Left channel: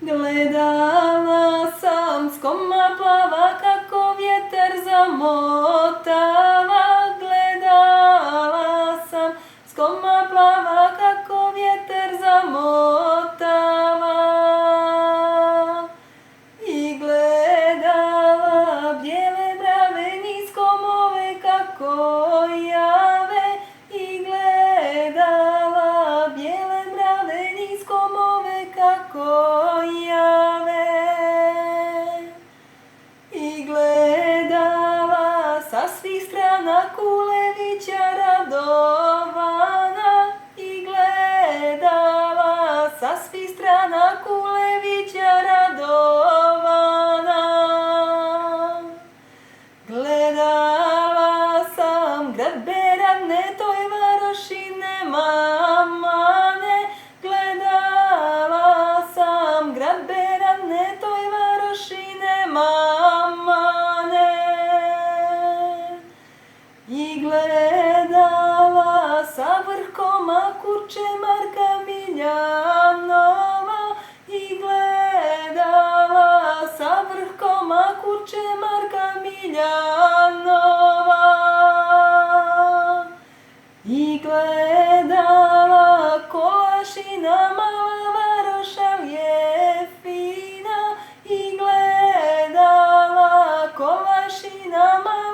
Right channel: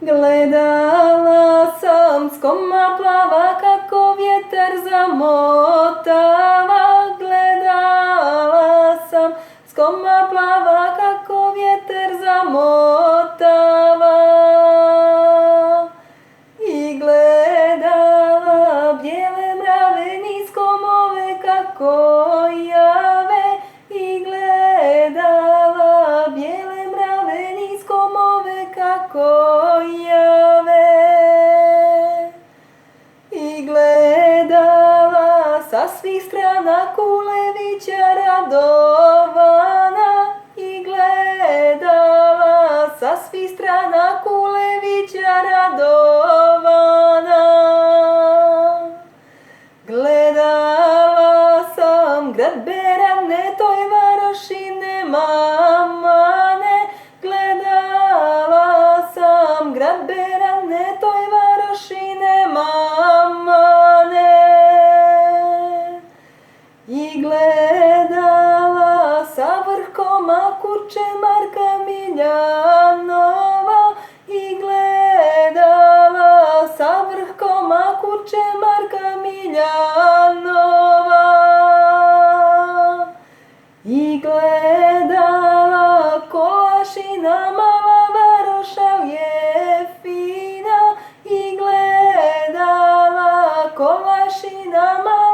Gledala sam s koma plava kako vjetar zamotava. Gledala sam s koma plava kako vjetar zamotava. I gledala bijele mrave niz komove kako jave. I gledala bijele mrave niz komove kako jave. I gledala sa svih strana Kulevića radovana. I gledala sa svih strana Kulevića radovana. Gledala sam grad Berane, toj varoši nema mane. Gledala sam grad Berane, toj varoši nema mane. I gledala sa vrhoma kurče Marka Miljanova. I gledala sa vrhoma kurče Marka Miljanova. I gledala Kolašina mala varoša je fina. I gledala Kolašina mala